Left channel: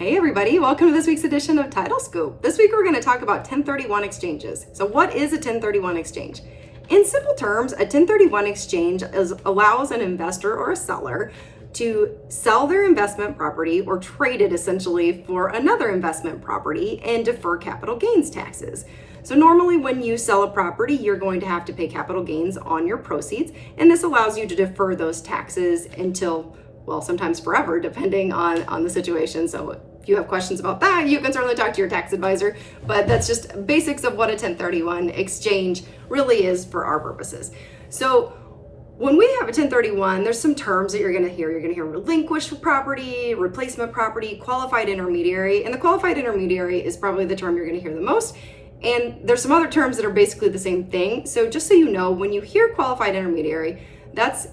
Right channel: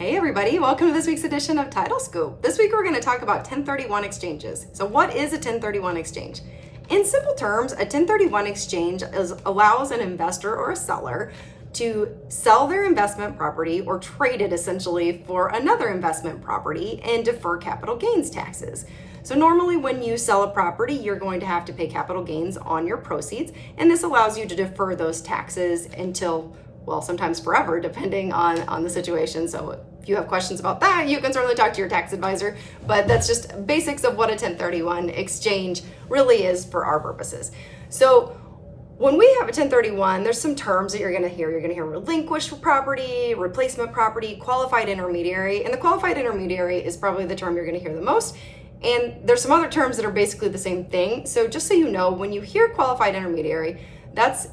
Hey everybody, welcome to this week's edition of Title Scoop. This week we're going to talk about 1031 exchanges. So what is a 1031 exchange? In simple terms, a 1031 exchange allows an investor or a seller to sell their investment property or trade it essentially for another investment property and defer capital gains taxes. So normally when you sell a property, you're going to have to pay capital gains on your proceeds, and this allows you to defer those taxes until, well, sometimes forever, depending on the situation. So if you have questions about that, you can certainly talk to your tax advisor, but that's just basics of what a 1031 exchange really is for our purposes. So when we have a 1031, there's some terms that you're going to hear. You're going to hear relinquished property, replacement property, qualified intermediary, and the qualified intermediary is probably the term you're going to hear the most. And there's some other terms that are basically the same thing. So just so you know, when you hear qualified intermediary, that's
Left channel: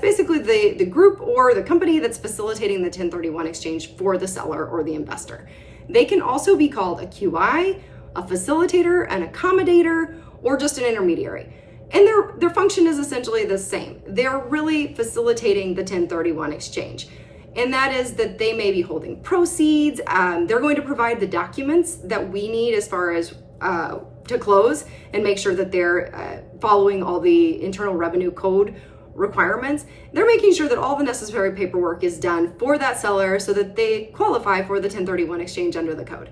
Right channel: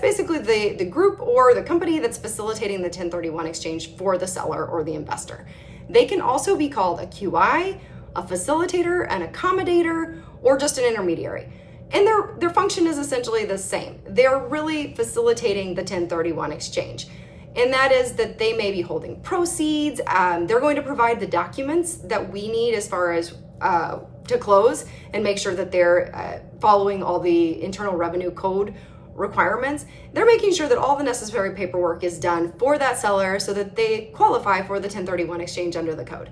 basically the group or the company that's facilitating the 1031 exchange for the seller or the investor. They can also be called a QI, a facilitator, an accommodator, or just an intermediary. And their function is essentially the same. They're really facilitating the 1031 exchange. And that is that they may be holding proceeds. They're going to provide the documents that we need as far as to close and make sure that they're following all the Internal Revenue Code requirements. They're making sure that all the necessary paperwork is done for that seller so that they qualify for the 1031 exchange under the code.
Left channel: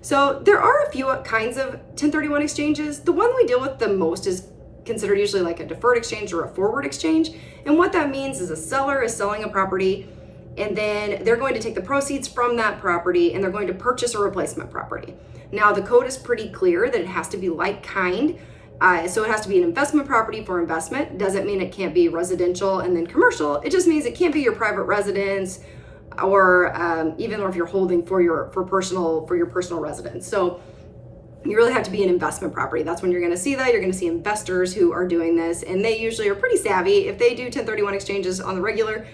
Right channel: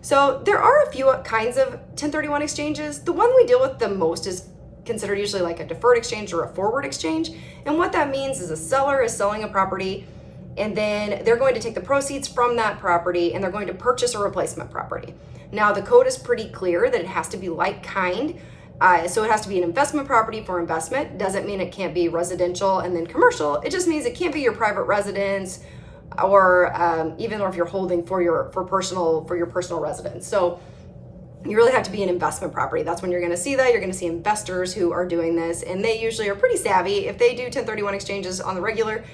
So there are a few kinds of 1031 exchanges. The one we deal with the most is considered usually like a deferred exchange or a forward exchange. And what that means is a seller is selling a property and then they're going to take the proceeds from that property and they're going to purchase a replacement property. Now the code is pretty clear that it has to be like kind. So it has to be an investment property for investment. Doesn't mean it can't be residential and then commercial. It just means it can't be your private residence or even if you're holding for your personal residence. So you really have to be an investment property. That's when you're going to see that. You're going to see investors who are doing this, and they usually are pretty savvy. If they do 1031 exchanges on the regular,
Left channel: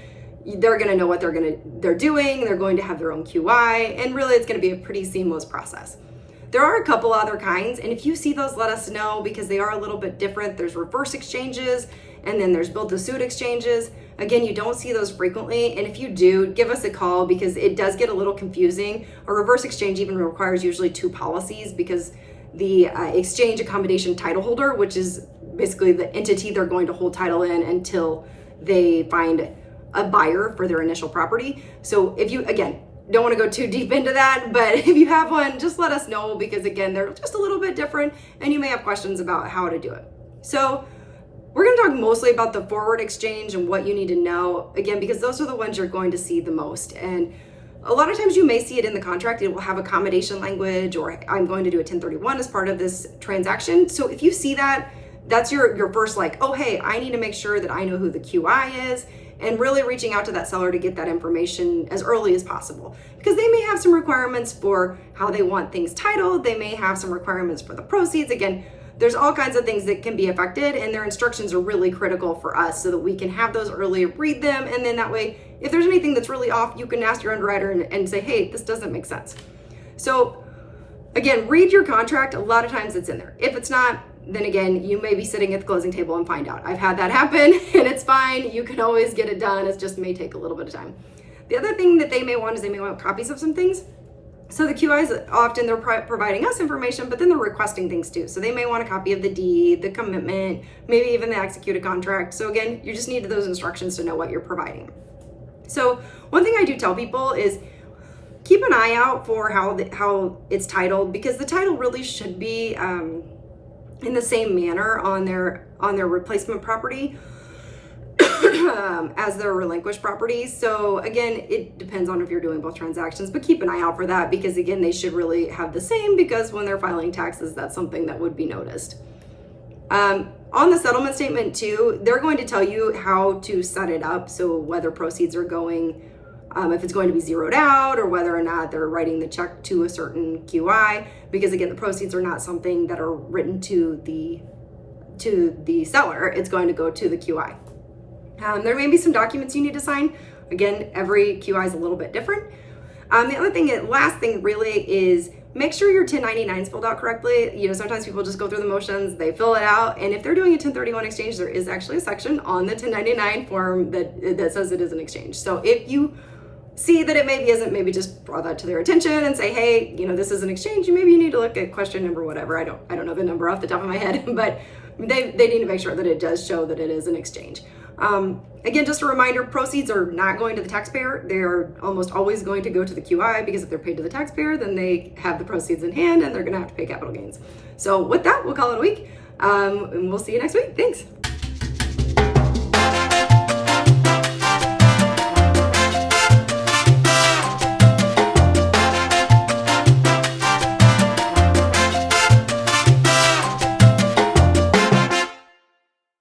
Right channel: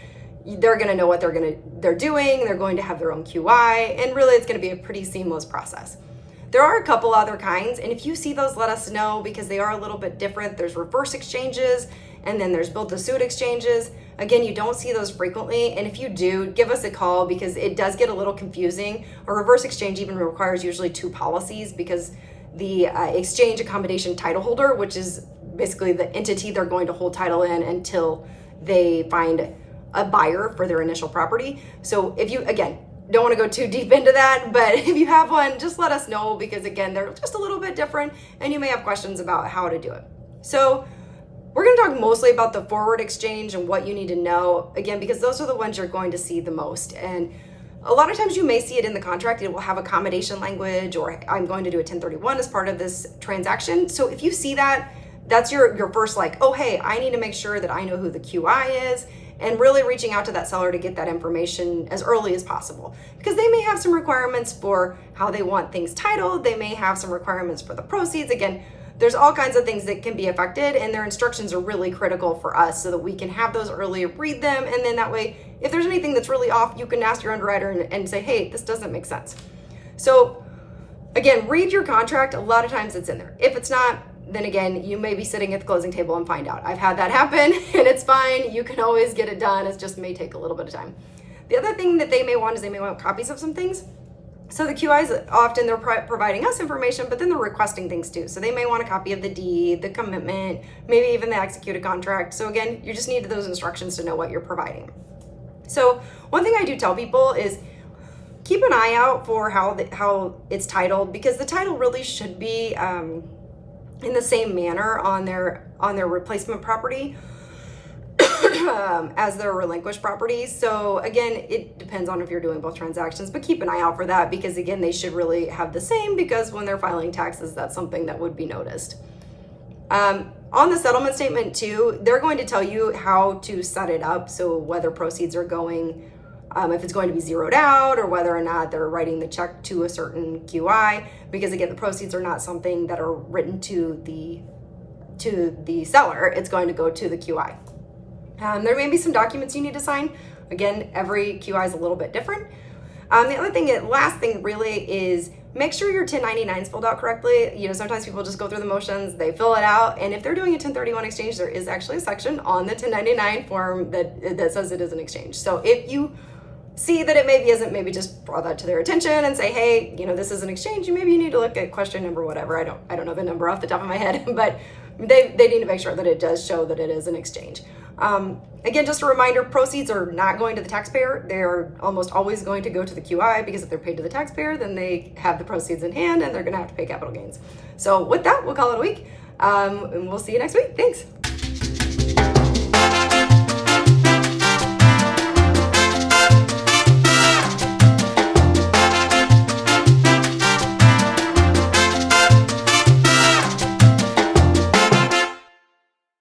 they're going to know what they're doing. They're going to have their own QI, and really it's going to be a pretty seamless process. There are a couple other kinds, and if you see those, let us know because they are a little bit different. There's reverse exchanges, and then there's build-to-suit exchanges. Again, you don't see those frequently, and if you do, give us a call because it does get a little confusing. A reverse exchange even requires usually two policies because the exchange accommodation title holder, which is basically the entity they're going to hold title in until they find a buyer for their initial property. So if you, again, don't want to go too deep into that, but if you have one, just let us know because again, they're just a little bit different and you may have questions about how to do it. So we're going to talk mostly about the forward exchange and what you need to know, again, because those are the ones you're going to see the most. And a lot of times you may see it in the contract. It will have accommodation language or I'm going to do a 1031 as part of this transaction. So if you see that, that's your first like, oh, hey, I need to make sure that I know who the QI is and really reaching out to that seller to get that information as early as possible because they may have some requirements for how they want things titled. They may have some requirements for the proceeds. Again, there's all kinds of things that can be affected and their instructions are really critical for us so that we can have those early, read them, and then that way, if there's anything that's really off, you can ask your underwriter and say, hey, this doesn't make sense. So again, read your contract. A lot of times it's in there. If it's not, then again, you may be sitting at the closing table and find out. I've had that happen and it's fine. You can always get it done. It just may take a little bit of time. The other thing that they may want is they may want copies of some things. So the QIs, often they're providing us information, but then they're requesting things too. So they may want a copy of the deed, the commitment, maybe even the executed contract. So again, you just need those instructions to know what you're providing. So one thing I do tell people is keep an eye out for how it's titled because the title really should be in the same manner on their replacement property as their relinquished property. So again, it depends on if you're doing both transactions, but keep an eye out for that because again, they should really have the same because when they're filing taxes, that's something that would be noticed. On the settlement statement too, they're going to tell you how to set it up. So whether proceeds are going, if it's going to be zeroed out or whether or not they're writing the check to a certain QI, because again, the proceeds are not something that are written to the seller. It's going to go to the QI. There may be some documents you need to sign. Again, every QI is a little bit different. The other thing, last thing really is make sure your 1099 is filled out correctly. You know, sometimes people just go through the motions, they fill it out. And if they're doing a 1031 exchange, there is actually a section on the 1099 form that says it is an exchange. So if you see that it maybe isn't, maybe just draw that to their attention and say, hey, this is an exchange. Maybe you need to look at question number, whatever. I don't know the number off the top of my head, but they need to make sure that it does show that it is an exchange. Again, just a reminder, proceeds are not going to the taxpayer. They're almost always going to go to the QI, because if they're paid to the taxpayer, then they have the proceeds in hand and they're going to have to pay capital gains. So with that, we'll call it a week. And we'll see you next week. Thanks.